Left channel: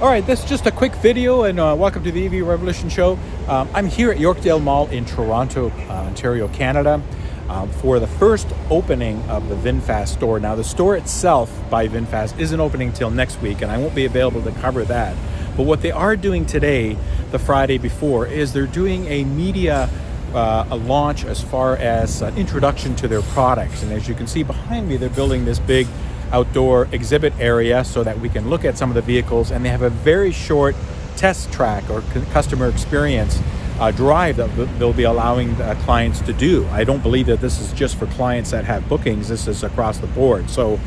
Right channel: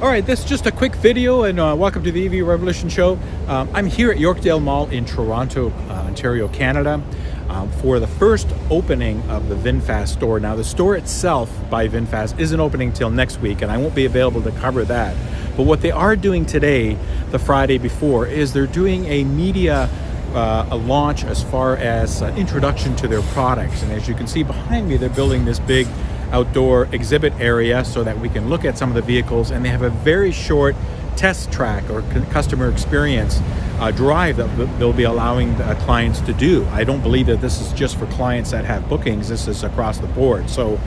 All right, this is just a quick video, and welcome to the EV Revolution Show. I'm here at Yorkdale Mall in Toronto, Ontario, Canada, for the first opening of the VinFast store. Now, the store itself by VinFast isn't opening till next week, and I won't be available to cover that. But what they are doing today, the Friday before, is they're doing a media a launch as far as introduction to their products. And as you can see behind me, they're building this big outdoor exhibit area so that we can look at some of the vehicles, and they have a very short test track or customer experience drive that they'll be allowing clients to do. I don't believe that this is just for clients that have bookings. This is across the board. So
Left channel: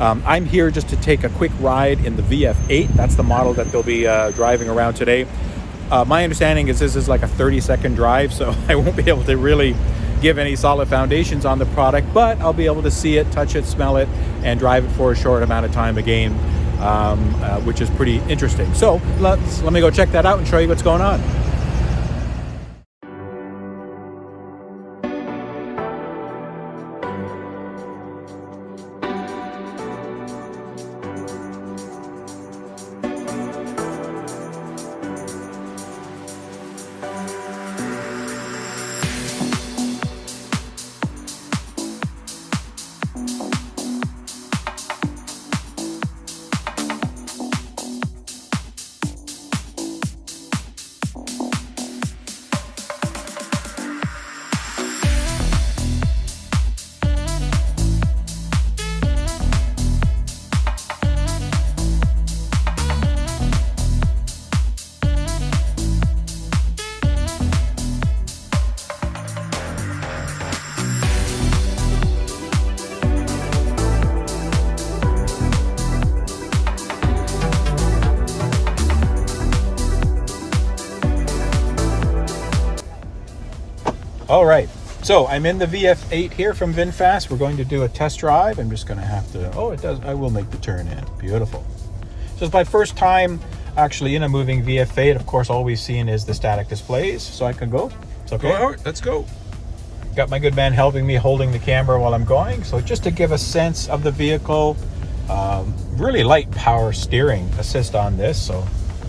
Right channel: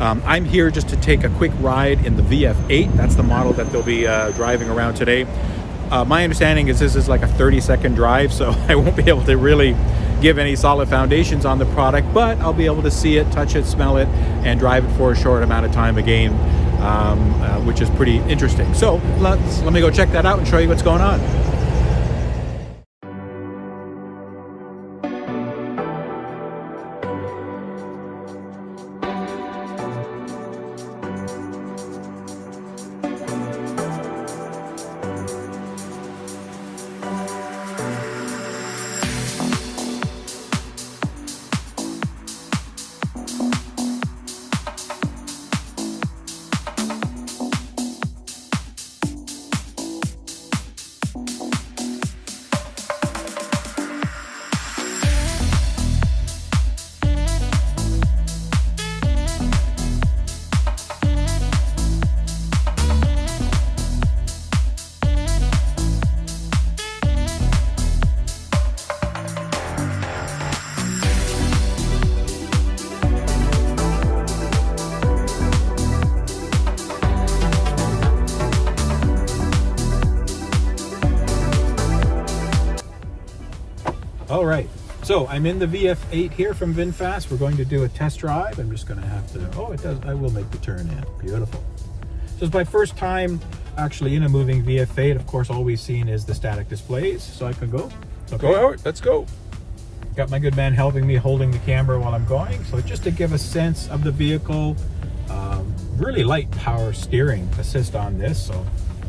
I'm here just to take a quick ride in the VF8. That's the model that they'll be driving around today. My understanding is this is like a 30-second drive, so I won't be able to really give any solid foundations on the product, but I'll be able to see it, touch it, smell it, and drive it for a short amount of time again, which is pretty interesting. So let me go check that out and show you what's going on. All right, so I'm in the VF8 here from VinFast. We're going to do a test drive. I'm just going to have to, oh, it does, I will make the turn in. Beautiful. So it's my first time actually in a moving VF8. Of course, all we've seen is the static displays. So I can go. It's okay. Go out, let's go. Got my good man helping me, holding the camera while I'm going. So just to give a sense of the vehicle, really light power steering assist on this. So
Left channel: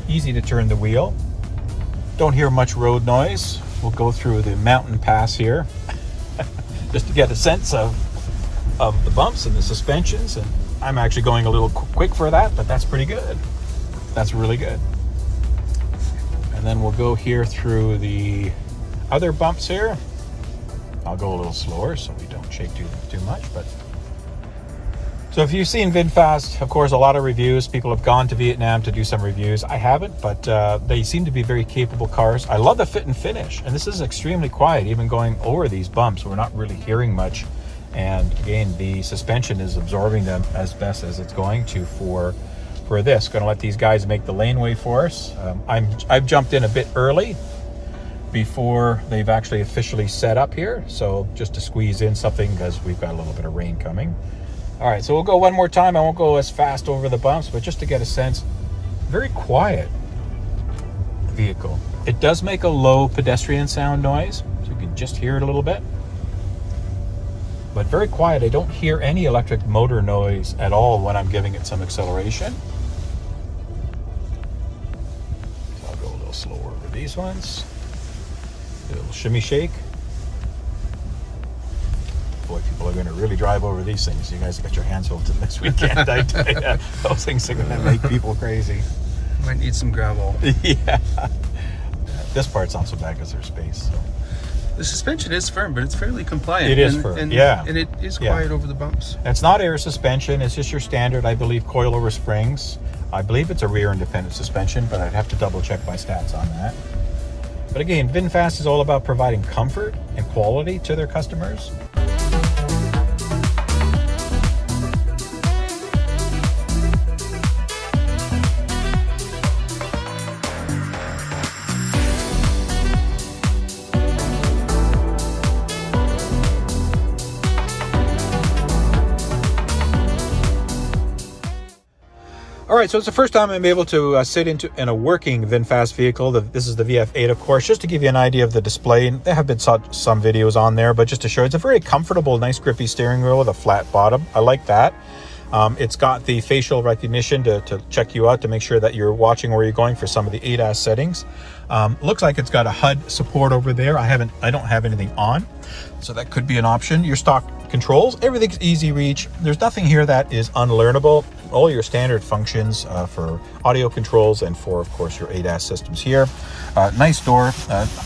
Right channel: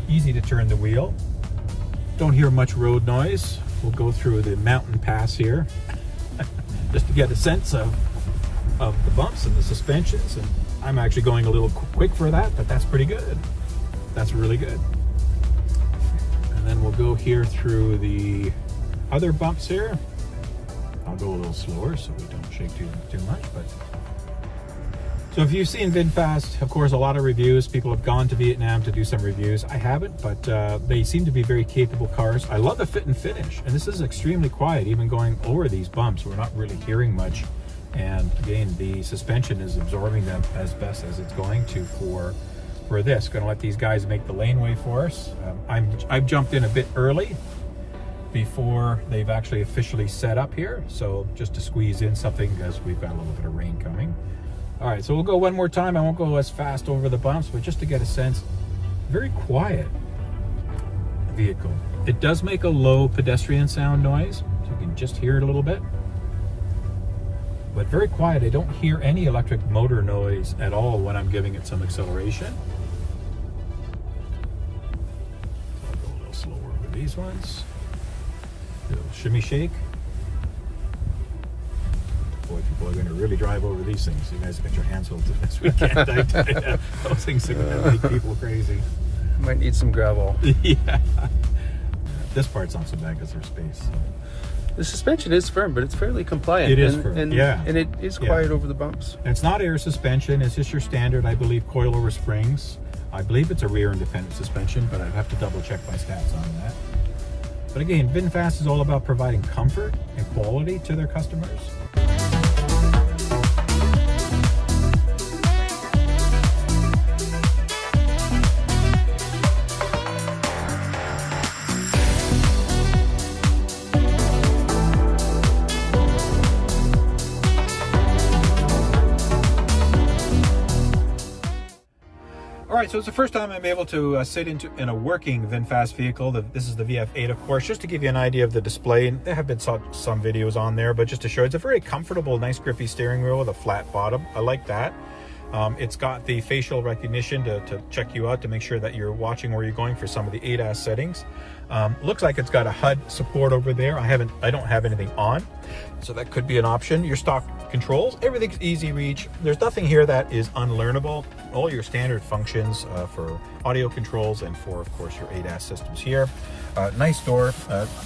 easy to turn the wheel. Don't hear much road noise. We'll go through the mountain pass here just to get a sense of the bumps and the suspensions. And I'm actually going a little quick for that, but that's pretty good. That's really good. And then we'll go here through the other bumps here. I'll go a little slower so we don't shake too much. But so if you've seen VinFast, of course, a lot of reviews. People have gone to Vietnam to do some reviews. I haven't, but they seem to be very capable cars. I love the fit and finish, and this is extremely quiet. Even going over these bumps, we're not really hearing much. And again, the suspension is absorbing them as best as it's going to for this. Going to let these guys make the laneway for us. I've jumped in a bit early before they've actually officially set up here. So just to squeeze in something because we've got a little bit of rain coming. All right, so we'll go one more time. I won't go as fast over the bumps, but just to get a sense, very quiet vehicle. It does make a low pedestrian sound noise, so you can just hear it a little bit. But very quiet. I don't hear any electric motor noise at all when I'm giving it some acceleration. So I'll go a little slower with these ones. A little shimmy shake. Boy, people are going to really drive over these things. You guys got your hands full this weekend. I tell you, those things are going to make people crazy. Might need some gravel. Yeah. This part's not so bad because there's space. So. The suspension is firm, but it's fairly compliant. It is firm, yeah. And it is quiet over the bumps. It's not air suspension. It's just your standard, I believe, coilover springs. I believe it's a rear independent suspension, but I'd have to double check my stats on that. But again, VinFast is all about providing comfort and quality to their customers. All right, so it's the first time I'm able to sit in a working VinFast vehicle. This is the VF8, of course, just to give you an idea of the display. There have been some videos on there, but just to show, it's a very comfortable, nice grippy steering wheel with a flat bottom. I like that. It's got the facial recognition to check you out, to make sure that you're watching where you're going for some of the ADAS settings. Looks like it's got a HUD support over there. I don't have anything on, so that could be an option. Your stock controls, everything's easy reach. There's nothing here that is unlearnable. All your standard functions for audio controls and for, of course, your ADAS systems here. Nice door.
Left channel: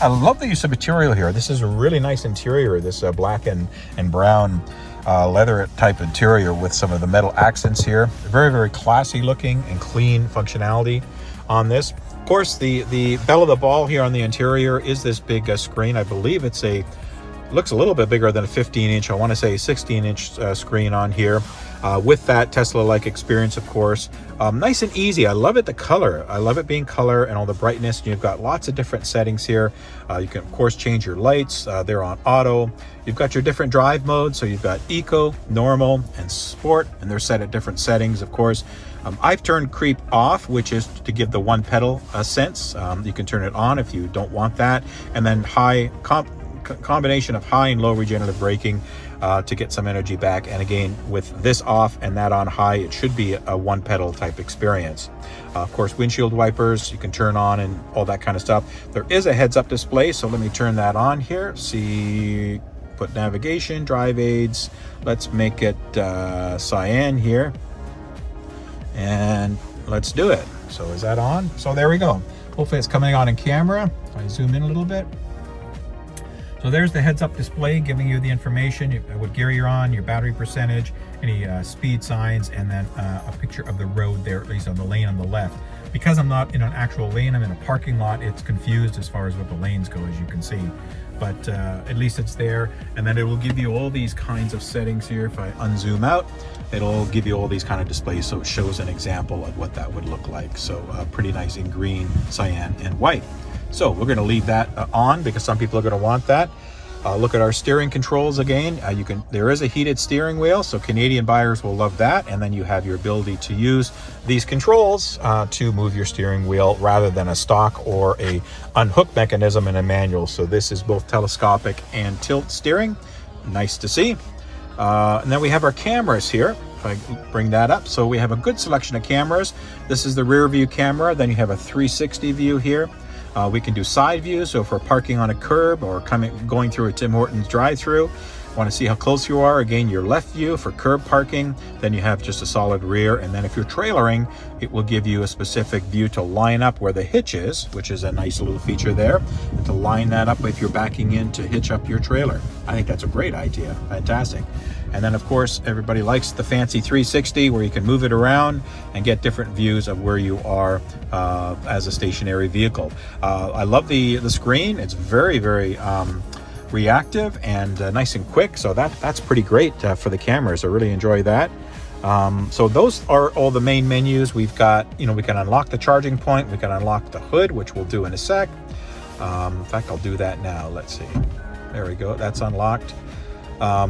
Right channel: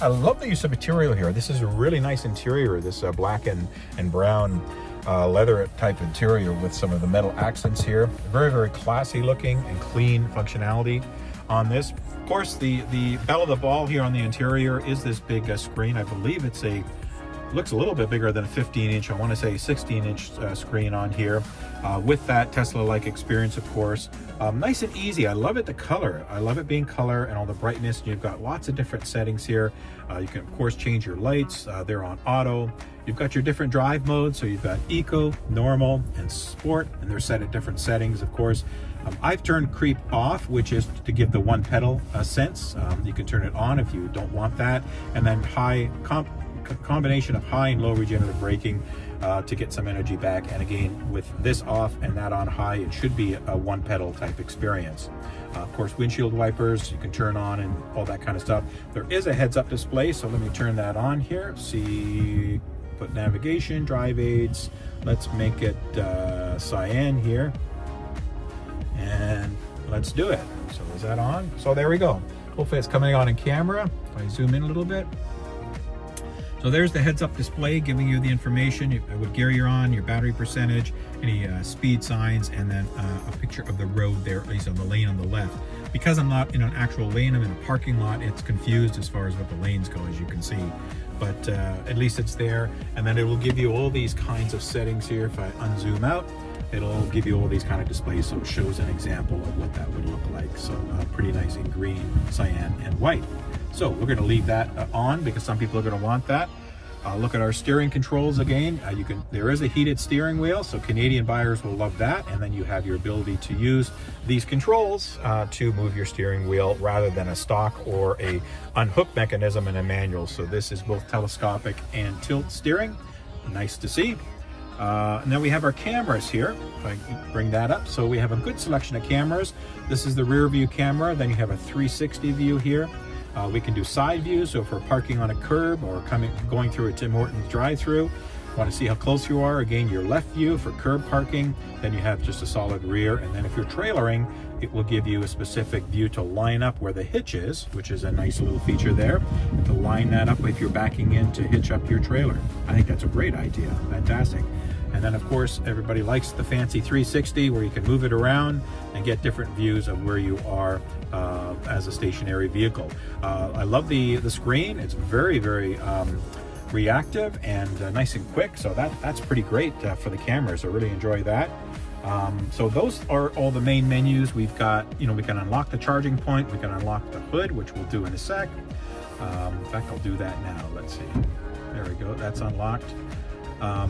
I love the use of material here. This is a really nice interior, this black and brown leather type interior with some of the metal accents here. Very, very classy looking and clean functionality on this. Of course, the belle of the ball here on the interior is this big screen. I believe it's looks a little bit bigger than a 15-inch. I want to say 16-inch screen on here with that Tesla-like experience, of course. Nice and easy. I love it, the color. I love it being color and all the brightness. You've got lots of different settings here. You can, of course, change your lights. They're on auto. You've got your different drive modes. So you've got eco, normal, and sport, and they're set at different settings, of course. I've turned creep off, which is to give the one pedal sense. You can turn it on if you don't want that. And then high combination of high and low regenerative braking to get some energy back. And again, with this off and that on high, it should be a one pedal type experience. Of course, windshield wipers you can turn on and all that kind of stuff. There is a heads-up display, so let me turn that on here. See, put navigation, drive aids. Let's make it cyan here, and let's do it. So is that on? So there we go. Hopefully it's coming on in camera. If I zoom in a little bit. So there's the heads-up display giving you the information, what gear you're on, your battery percentage, any speed signs, and then a picture of the road there, at least on the lane on the left. Because I'm not in an actual lane, I'm in a parking lot, it's confused as far as what the lanes go, as you can see. But at least it's there. And then it will give you all these kinds of settings here. If I unzoom out, it'll give you all these kind of displays. So it shows an example of what that would look like. So pretty nice in green, cyan, and white. So we're going to leave that on because some people are going to want that. Look at our steering controls again. There is a heated steering wheel, so Canadian buyers will love that. And then you have your ability to use these controls to move your steering wheel rather than a stock or a unhooked mechanism in a manual. So this is both telescopic and tilt steering. Nice to see. And then we have our cameras here. If I bring that up, so we have a good selection of cameras. This is the rear view camera. Then you have a 360 view here. We can do side views, so if we're parking on a curb or going through a Tim Hortons drive-through, want to see how close you are, again, your left view for curb parking. Then you have just a solid rear, and then if you're trailering, it will give you a specific view to line up where the hitch is, which is a nice little feature there, and to line that up if you're backing in to hitch up your trailer. I think that's a great idea. Fantastic. And then, of course, everybody likes the fancy 360 where you can move it around and get different views of where you are as a stationary vehicle. I love the screen. It's very, very reactive and nice and quick. So that's pretty great for the cameras. I really enjoy that. So those are all the main menus. We've got, we can unlock the charging point. We can unlock the hood, which we'll do in a sec. In fact, I'll do that now. Let's see. There we go. That's unlocked.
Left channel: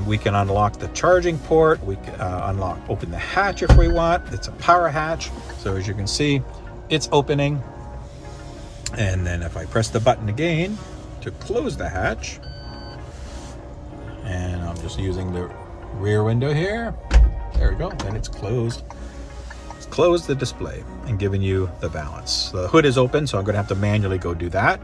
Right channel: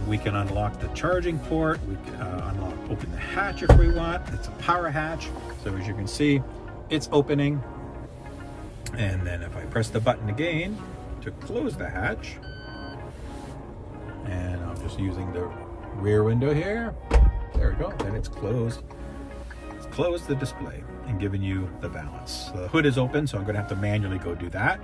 We can unlock the charging port. We can open the hatch if we want. It's a power hatch. So as you can see, it's opening. And then if I press the button again to close the hatch, and I'm just using the rear window here. There we go. Then it's closed. It's closed the display and giving you the balance. The hood is open, so I'm going to have to manually go do that.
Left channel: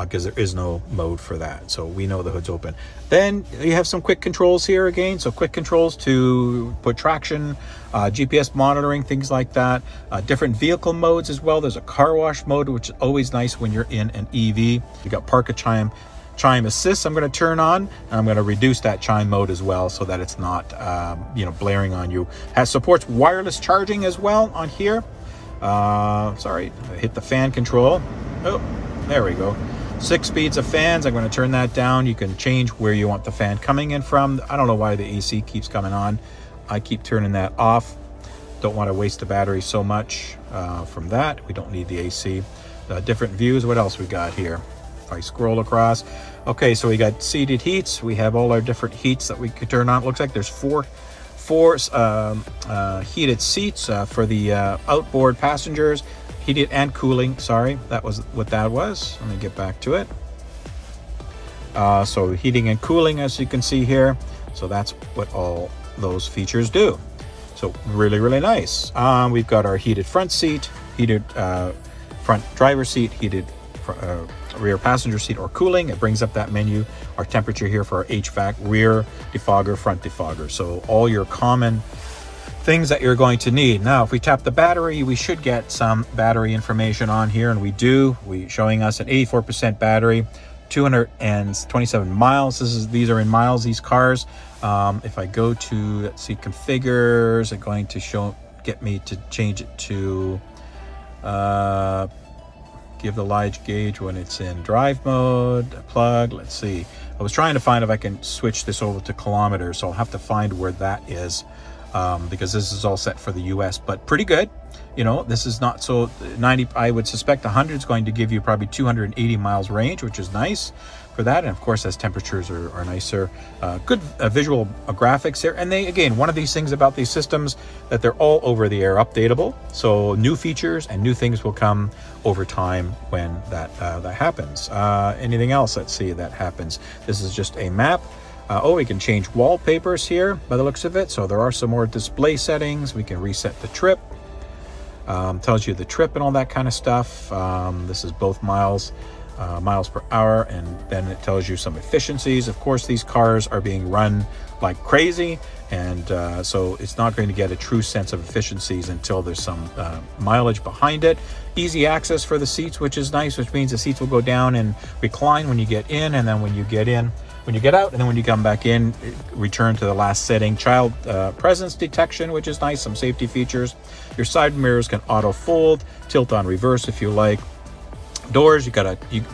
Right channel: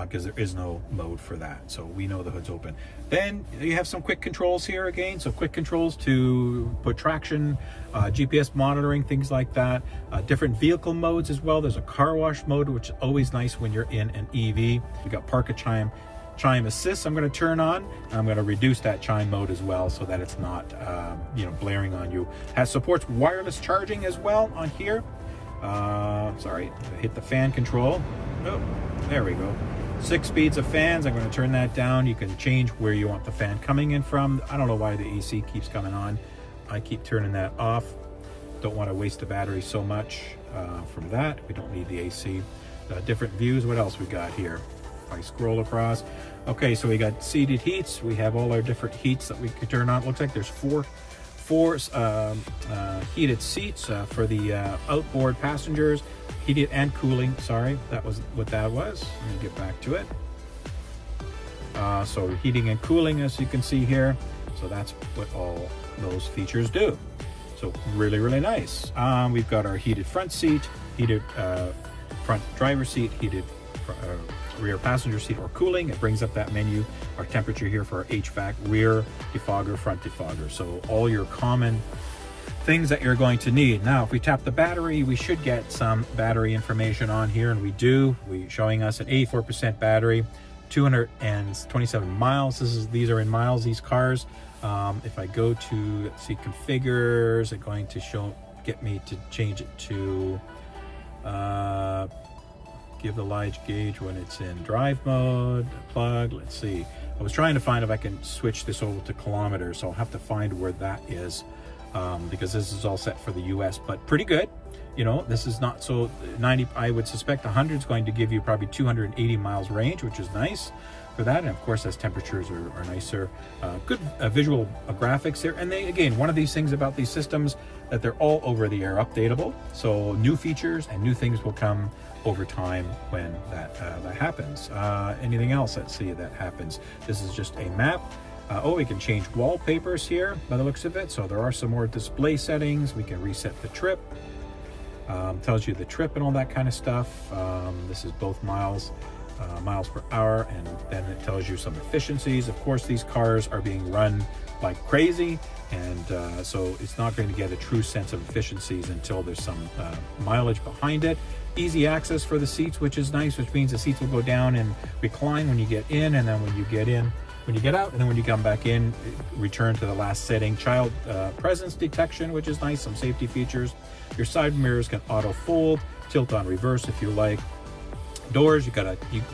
Because there is no mode for that. So we know the hood's open. Then you have some quick controls here again. So quick controls to put traction, GPS monitoring, things like that. Different vehicle modes as well. There's a car wash mode, which is always nice when you're in an EV. You got park a chime assist I'm going to turn on, and I'm going to reduce that chime mode as well so that it's not blaring on you. Supports wireless charging as well on here. Sorry, hit the fan control. Oh, there we go. 6 speeds of fans. I'm going to turn that down. You can change where you want the fan coming in from. I don't know why the AC keeps coming on. I keep turning that off. Don't want to waste the battery so much from that. We don't need the AC. Different views. What else we got here? If I scroll across. Okay, so we got seated heats. We have all our different heats that we could turn on. It looks like there's four heated seats for the outboard passengers. Heated and cooling, sorry, that was what that was. Let me get back to it. So heating and cooling, as you can see here. So that's what all those features do. So really, really nice. We've got our heated front seat, heated front driver seat, heated rear passenger seat or cooling. It brings up that menu. Our temperature here for our HVAC, rear defogger, front defogger. So all your common things that you're going to need. Now, if we tap the battery, we should get some battery information on here, and we do. Showing us an 84% battery, 227 miles. These are in miles, these cars. If I go to, let's see, configures, it's going to get me to change it to give the light gauge when it's in drive mode, plug. Let's see. I was trying to find if I can switch this over to kilometers, so I'll have to find where that is, because this is all set for the US, but pretty good. You know, this is not so 90. I would suspect 100 is going to give you probably 280 miles range, which is nice for that. And of course, as temperatures are nicer, good visual graphics there. And they, again, one of these things about these systems, that they're all over the air updatable. So new features and new things will come over time when that happens. Anything else? Let's see that happens. This is just a map. We can change wallpapers here by the looks of it. So there are some more display settings. We can reset the trip. Tells you the trip and all that kind of stuff. This is both miles per hour, and then it tells you some efficiencies. Of course, these cars are being run like crazy, and so it's not going to get a true sense of efficiencies until there's some mileage behind it. Easy access for the seats, which is nice, which means the seats will go down and recline when you get in, and then when you get out, and then when you come back in, return to the last setting. Child presence detection, which is nice, some safety features. Your side mirrors can auto fold, tilt on reverse if you like. Doors, you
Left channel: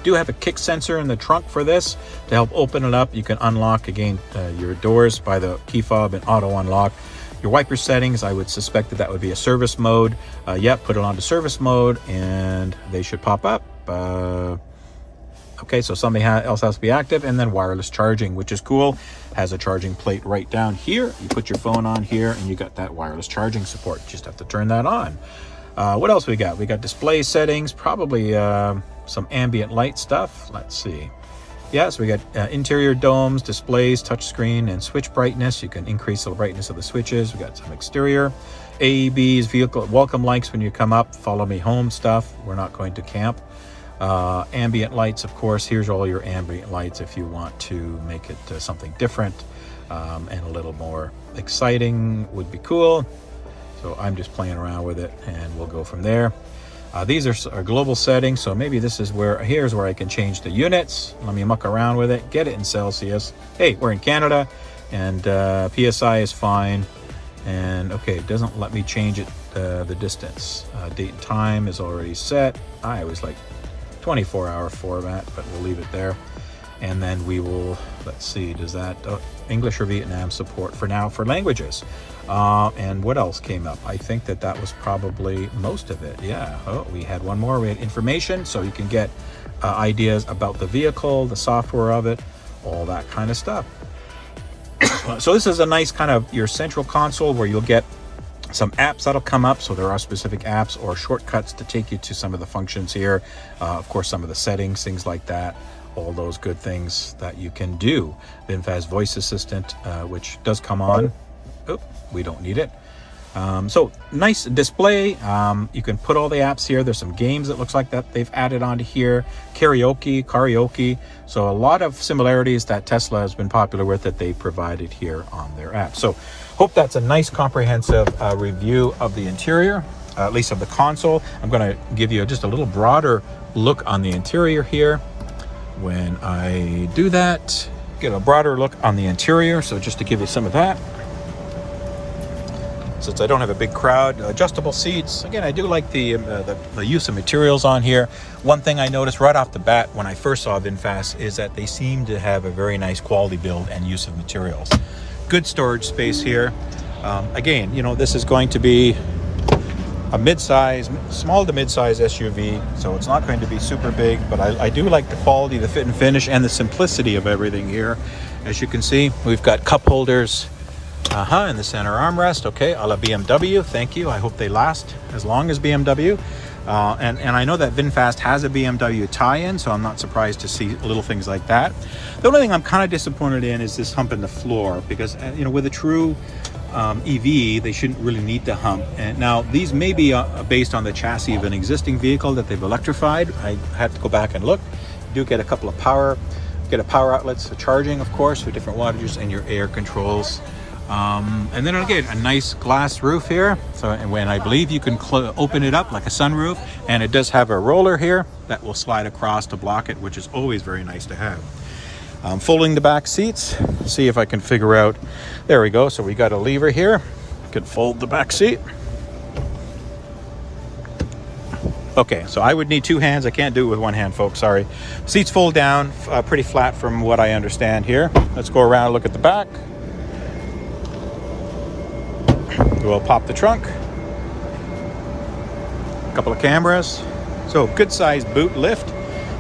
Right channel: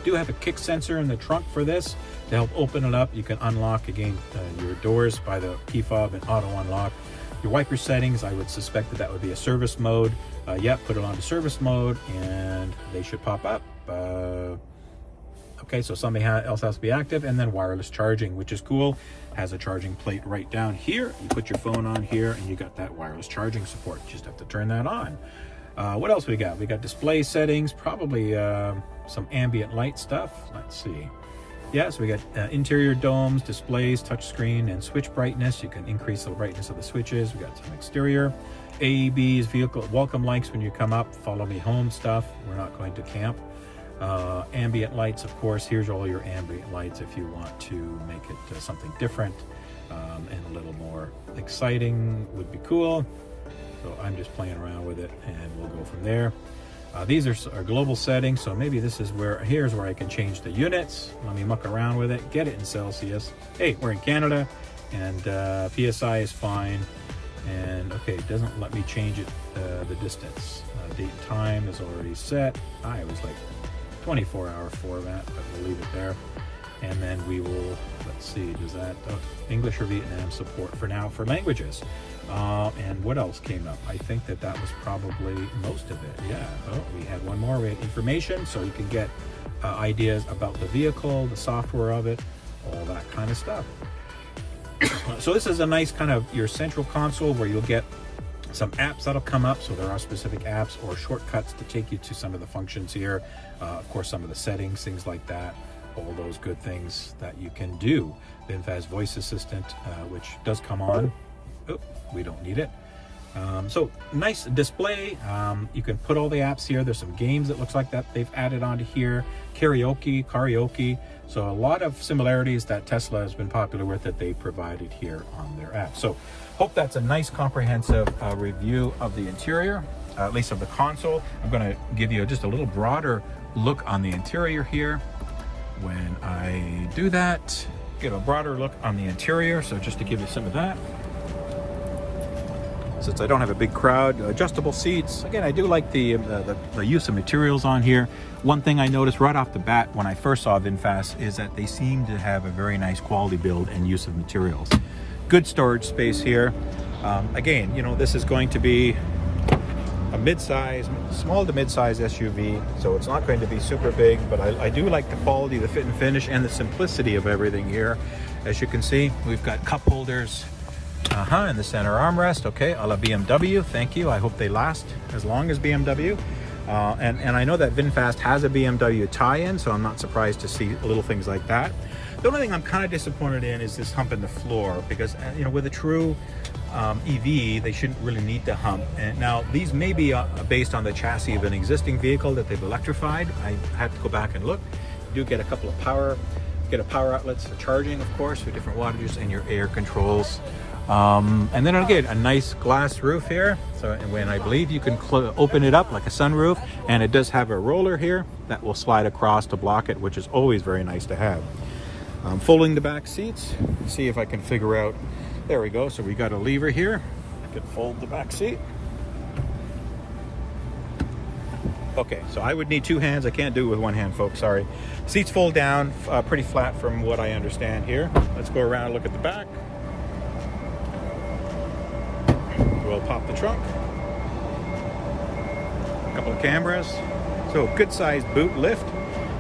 do have a kick sensor in the trunk for this to help open it up. You can unlock again your doors by the key fob and auto unlock. Your wiper settings, I would suspect that would be a service mode. Put it onto service mode and they should pop up. Okay, so something else has to be active. And then wireless charging, which is cool. Has a charging plate right down here. You put your phone on here and you got that wireless charging support. Just have to turn that on. What else we got? We got display settings, probably some ambient light stuff. Let's see. Yeah, so we got interior domes, displays, touchscreen, and switch brightness. You can increase the brightness of the switches. We got some exterior. AEBs, vehicle welcome lights when you come up, follow me home stuff. We're not going to camp. Ambient lights, of course. Here's all your ambient lights if you want to make it something different and a little more exciting would be cool. So I'm just playing around with it and we'll go from there. These are global settings, so maybe this is here's where I can change the units. Let me muck around with it, get it in Celsius. Hey, we're in Canada, and PSI is fine. And okay, it doesn't let me change it, the distance. Date and time is already set. I was like 24-hour format, but we'll leave it there. And then we will, let's see, does that English or Vietnam support for now for languages. And what else came up? I think that was probably most of it. Yeah. Oh, we had one more. We had information, so you can get ideas about the vehicle, the software of it, all that kind of stuff. So this is a nice kind of your central console where you'll get some apps that'll come up. So there are specific apps or shortcuts to take you to some of the functions here. Of course, some of the settings, things like that. All those good things that you can do. VinFast voice assistant, which does come on. Oop, we don't need it. So nice display. You can put all the apps here. There's some games that looks like that they've added onto here. Karaoke. So a lot of similarities that Tesla has been popular with that they provided here on their app. So hope that's a nice comprehensive review of the interior, at least of the console. I'm going to give you just a little broader look on the interior here. When I do that, get a broader look on the interior. So just to give you some of that. Since I don't have a big crowd, adjustable seats. Again, I do like the use of materials on here. One thing I noticed right off the bat when I first saw VinFast is that they seem to have a very nice quality build and use of materials. Good storage space here. Again, you know, this is going to be a mid-size, small to mid-size SUV, so it's not going to be super big, but I do like the quality, the fit and finish, and the simplicity of everything here. As you can see, we've got cup holders in the center armrest. Okay, a la BMW. Thank you. I hope they last as long as BMW. And I know that VinFast has a BMW tie-in, so I'm not surprised to see little things like that. The only thing I'm kind of disappointed in is this hump in the floor, because you know, with a true EV, they shouldn't really need the hump. And now these may be based on the chassis of an existing vehicle that they've electrified. I had to go back and look. You do get a couple of power outlets for charging, of course, for different wattages, and your air controls. And then again, a nice glass roof here. So when I believe you can open it up like a sunroof, and it does have a roller here that will slide across to block it, which is always very nice to have. Folding the back seats, see if I can figure out, there we go. So we got a lever here, you can fold the back seat. Okay, so I would need two hands. I can't do it with one hand, folks, sorry. Seats fold down, pretty flat from what I understand here. Let's go around and look at the back. We'll pop the trunk. A couple of cameras. So good sized boot lift,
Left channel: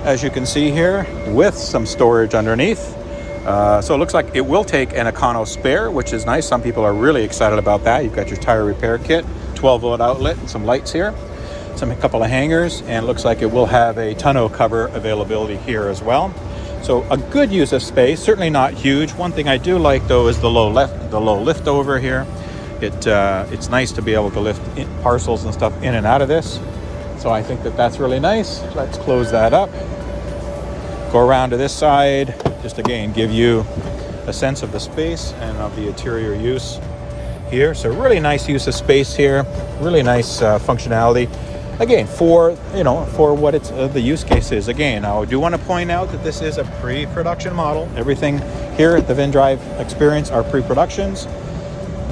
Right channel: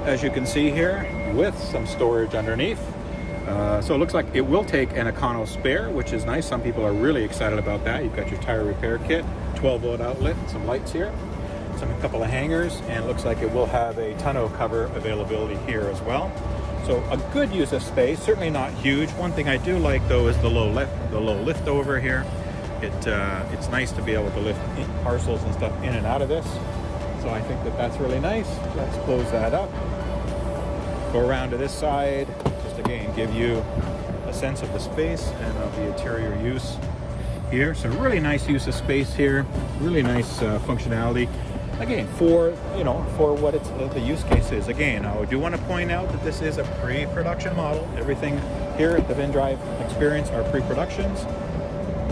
as you can see here, with some storage underneath. So it looks like it will take an Econo spare, which is nice. Some people are really excited about that. You've got your tire repair kit, 12-volt outlet, and some lights here. A couple of hangers, and it looks like it will have a tonneau cover availability here as well. So a good use of space, certainly not huge. One thing I do like though is the low lift over here. It's nice to be able to lift parcels and stuff in and out of this. So I think that that's really nice. Let's close that up. Go around to this side, just again give you a sense of the space and of the interior use here. So really nice use of space here, really nice functionality. Again, for what it's the use case is. Again, I do want to point out that this is a pre-production model. Everything here at the VinDrive Experience are pre-productions,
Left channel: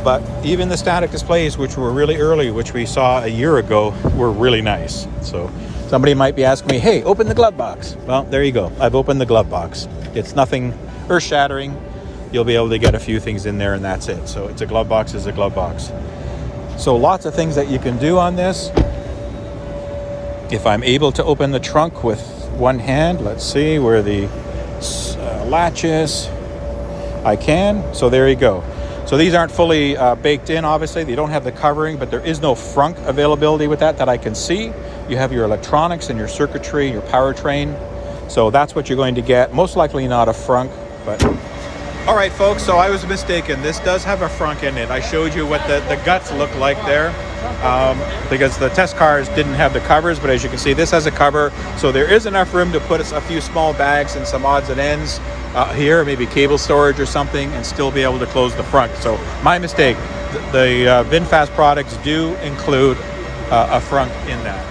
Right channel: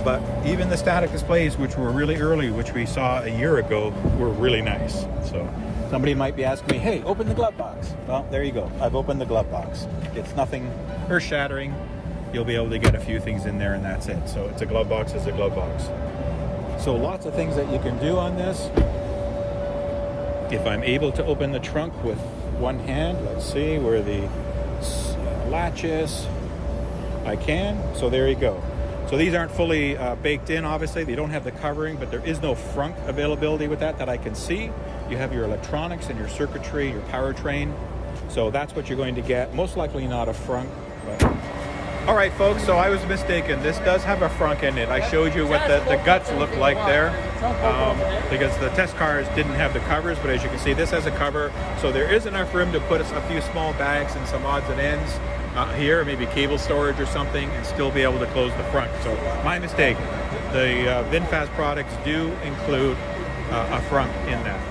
but even the static displays, which were really early, which we saw a year ago, were really nice. So somebody might be asking me, hey, open the glove box. Well, there you go. I've opened the glove box. It's nothing earth-shattering. You'll be able to get a few things in there, and that's it. So it's a glove box, is a glove box. So lots of things that you can do on this. If I'm able to open the trunk with one hand, let's see where the latch is. I can. So there you go. So these aren't fully baked in, obviously. They don't have the covering, but there is no frunk availability with that I can see. You have your electronics and your circuitry, your powertrain. So that's what you're going to get. Most likely not a frunk, but... All right, folks, so I was mistaken. This does have a frunk in it. I showed you what the guts look like there. Because the test cars didn't have the covers, but as you can see, this has a cover, so there is enough room to put a few small bags and some odds and ends here, maybe cable storage or something, and still be able to close the front. So my mistake. The VinFast products do include a front in that.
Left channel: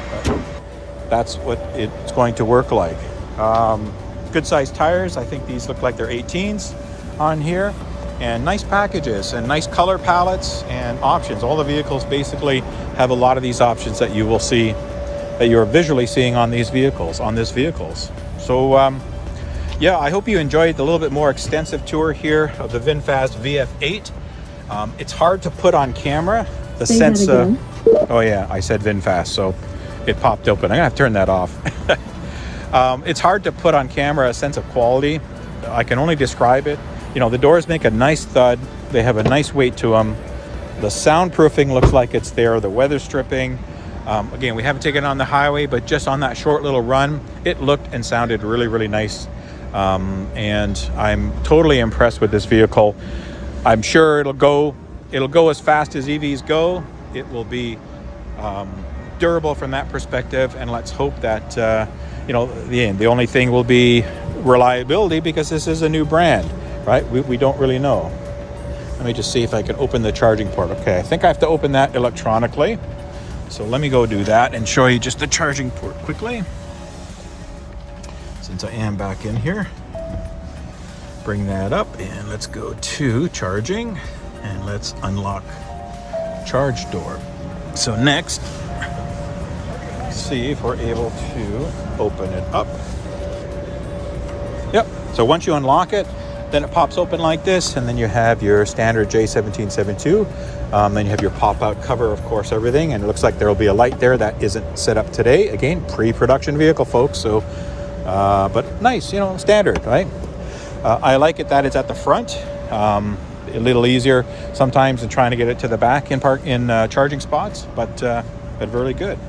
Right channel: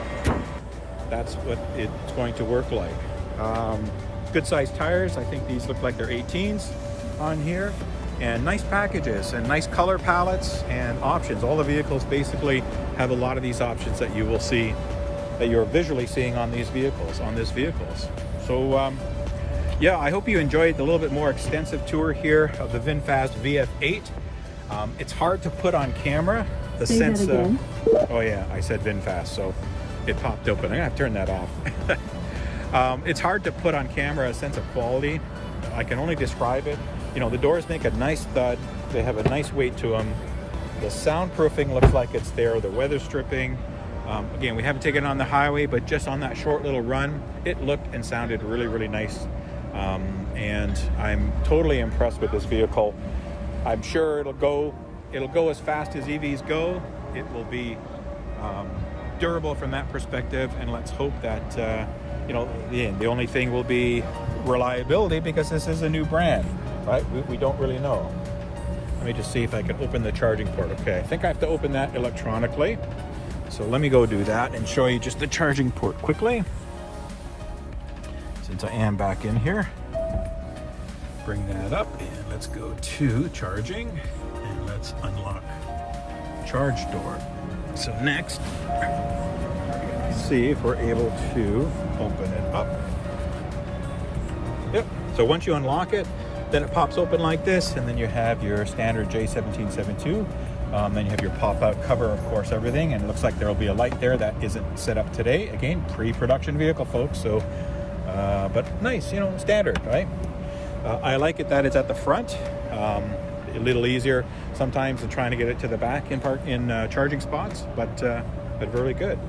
That's what it's going to work like. Good sized tires. I think these look like they're 18s on here. And nice packages and nice color palettes and options. All the vehicles basically have a lot of these options that you will see, that you're visually seeing on these vehicles, So yeah, I hope you enjoyed the little bit more extensive tour here of the VinFast VF8. It's hard to put on camera the sense of, oh yeah, I said VinFast, so it popped open. I'm gonna have to turn that off. It's hard to put on camera a sense of quality. I can only describe it. You know, the doors make a nice thud. They have a nice weight to them. The soundproofing looks like it's there. The weather stripping. Again, we haven't taken it on the highway, but just on that short little run, it looked and sounded really, really nice. And I'm totally impressed with this vehicle. I'm sure it'll go as fast as EVs go. It will be durable from that perspective. And let's hope that, the only thing will be reliability, because this is a new brand. Right? We don't really know. Let me just see if I can open the charging port. Okay, I think I have to open that electronically. So let me go do that and show you just the charging port quickly. Since I am back in here. Bring that up and let's go to charging and let's unlock charge door. So next, see if we're able to open it up. Yep, so once you unlock it, then it pops open like this, and then you have your standard J1772. Then you have your pop-out cover, of course, everything, and it looks like there will be a light there that isn't set up today. Again, pre-production vehicle, folks, so, but nice, standard, right? I like it that it's at the front, a little easier sometimes than trying to get it to the back in charging spots, but really good.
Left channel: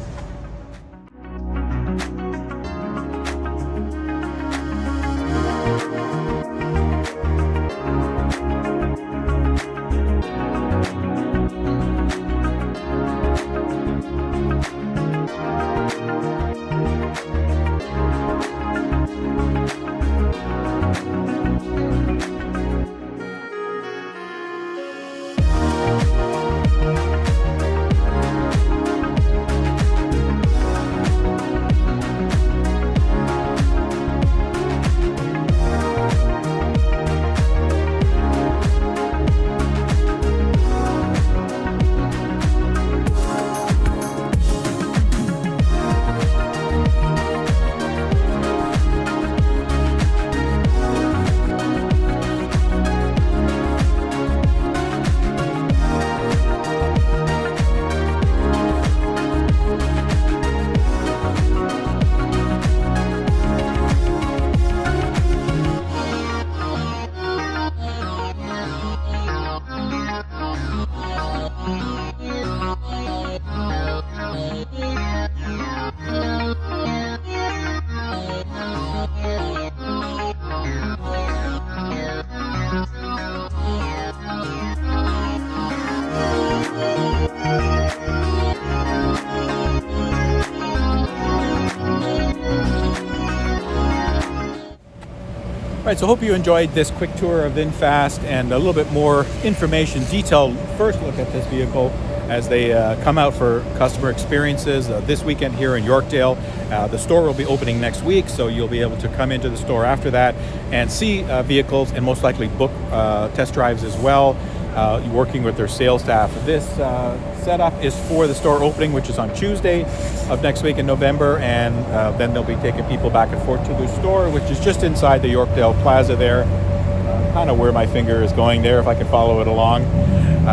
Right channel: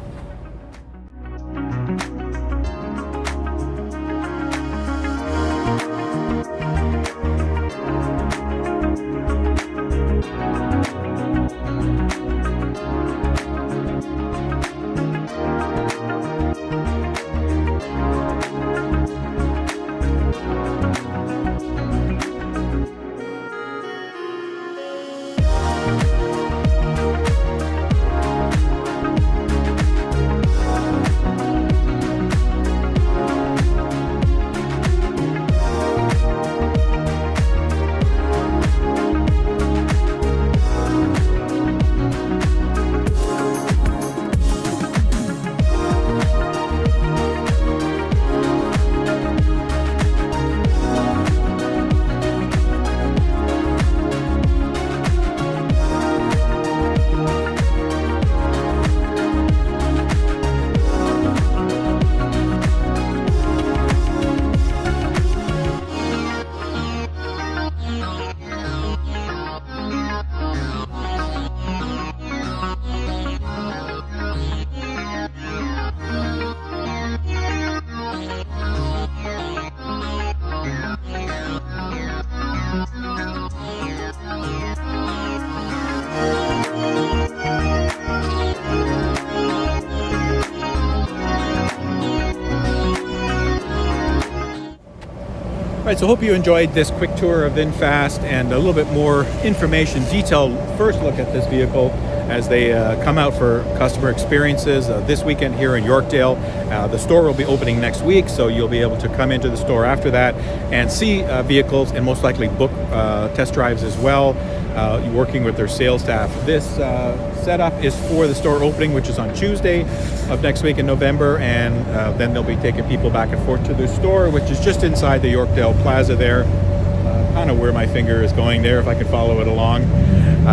Right, so hope you enjoyed this quick tour of VinFast and a little bit more information, detailed first look at this vehicle as they come out for customer experiences this weekend here in Yorkdale. The store will be opening next week, so you'll be able to come into the store after that and see vehicles and most likely book test drives as well, working with their sales staff. This setup is for the store opening, which is on Tuesday of next week in November, and then they'll be taking people back and forth to their store, which is just inside the Yorkdale Plaza there, kind of where my finger is going there, if I can follow it along.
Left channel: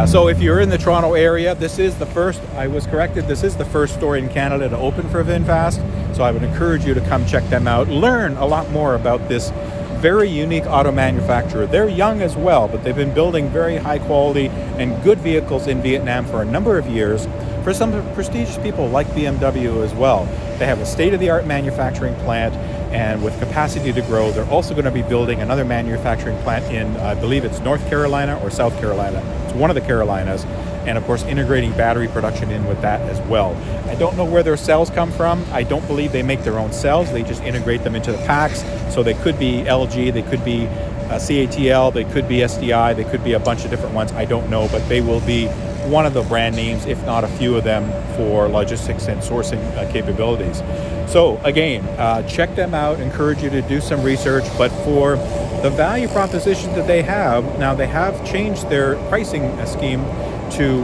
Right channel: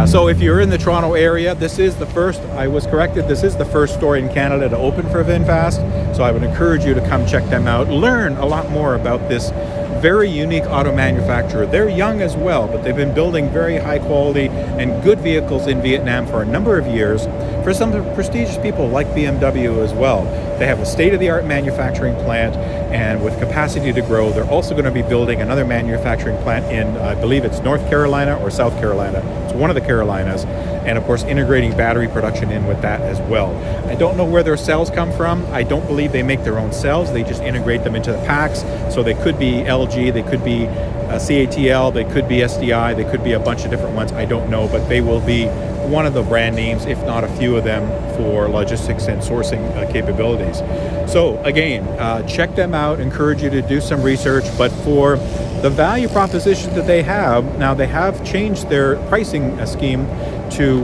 So if you're in the Toronto area, this is the first, I was corrected, this is the first store in Canada to open for VinFast. So I would encourage you to come check them out, learn a lot more about this very unique auto manufacturer. They're young as well, but they've been building very high quality and good vehicles in Vietnam for a number of years for some prestigious people like BMW as well. They have a state-of-the-art manufacturing plant, and with capacity to grow, they're also going to be building another manufacturing plant in, I believe it's North Carolina or South Carolina. It's one of the Carolinas, and of course integrating battery production in with that as well. I don't know where their cells come from. I don't believe they make their own cells. They just integrate them into the packs. So they could be LG, they could be CATL, they could be SDI, they could be a bunch of different ones. I don't know, but they will be one of the brand names, if not a few of them, for logistics and sourcing capabilities. So again, check them out, encourage you to do some research, but for the value proposition that they have, now they have changed their pricing scheme to,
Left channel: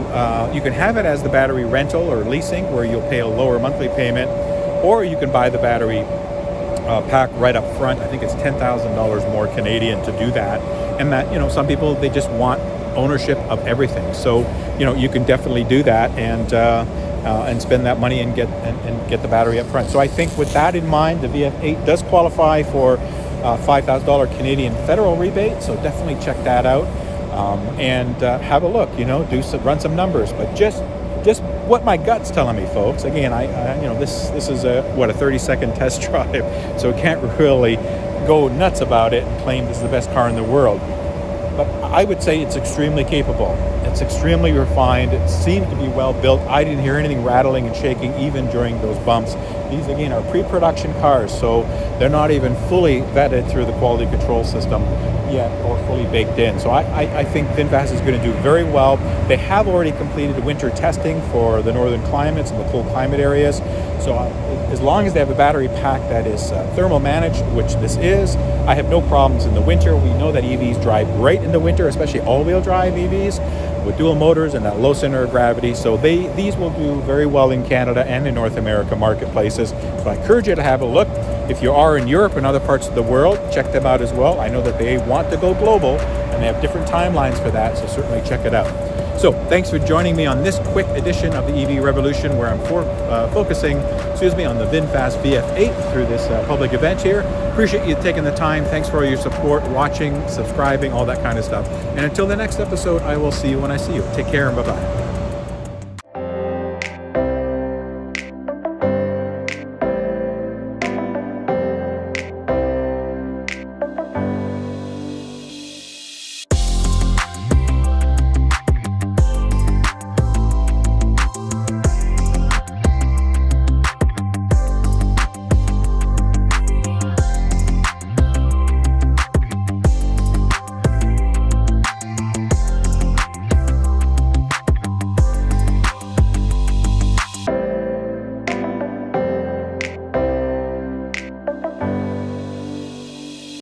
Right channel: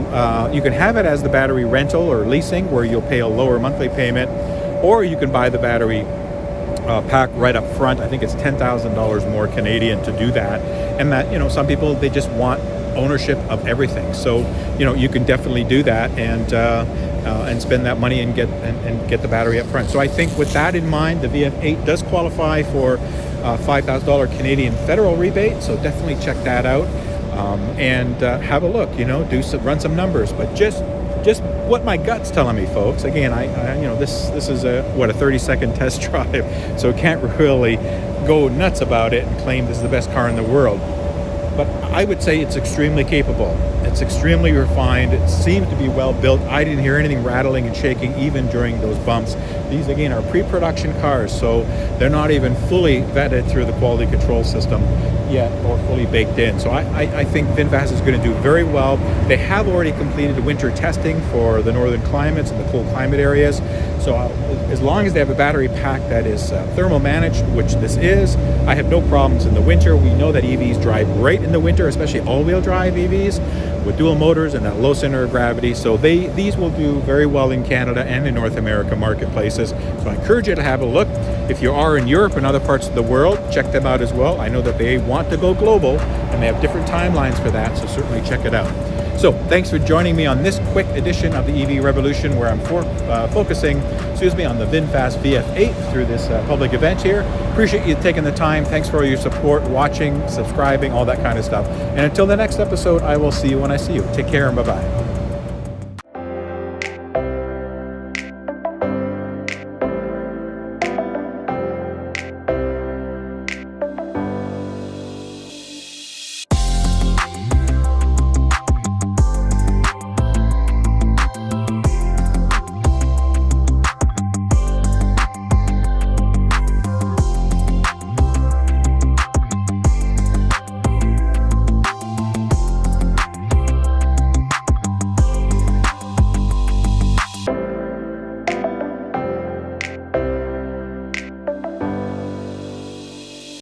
you can have it as the battery rental or leasing, where you'll pay a lower monthly payment, or you can buy the battery pack right up front. I think it's $10,000 more Canadian to do that. And that, you know, some people, they just want ownership of everything. So, you know, you can definitely do that and spend that money and get the battery up front. So I think with that in mind, the VF8 does qualify for $5,000 Canadian federal rebate. So definitely check that out and have a look. You know, run some numbers, but just what my gut's telling me, folks. Again, I you know, this is a 30-second test drive, so can't really go nuts about it and claim this is the best car in the world. But I would say it's extremely capable. It's extremely refined. It seems to be well built. I didn't hear anything rattling and shaking even during those bumps. These, again, are pre-production cars, so they're not even fully vetted through the quality control system yet or fully baked in. So I think VinFast is going to do very well. They have already completed winter testing for the northern climates and the cold climate areas. So as long as they have a battery pack that is thermal managed, which this is, I have no problems in the winter. We know that EVs drive great in the winter, especially all-wheel drive EVs with dual motors and that low center of gravity. So these will do very well in Canada and in North America marketplaces. So I encourage you to have a look. If you are in Europe and other parts of the world, check them out as well. I know that they want to go global and they have different timelines for that, so certainly check it out. So thanks for joining me on this quick edition of the EV Revolution, where I'm focusing on the VinFast VF8 through this public event here. Appreciate you taking the time. Thanks for all your support, watching, subscribing, all that kind of stuff. And until the next episode, I will see you when I see you. Take care and bye-bye.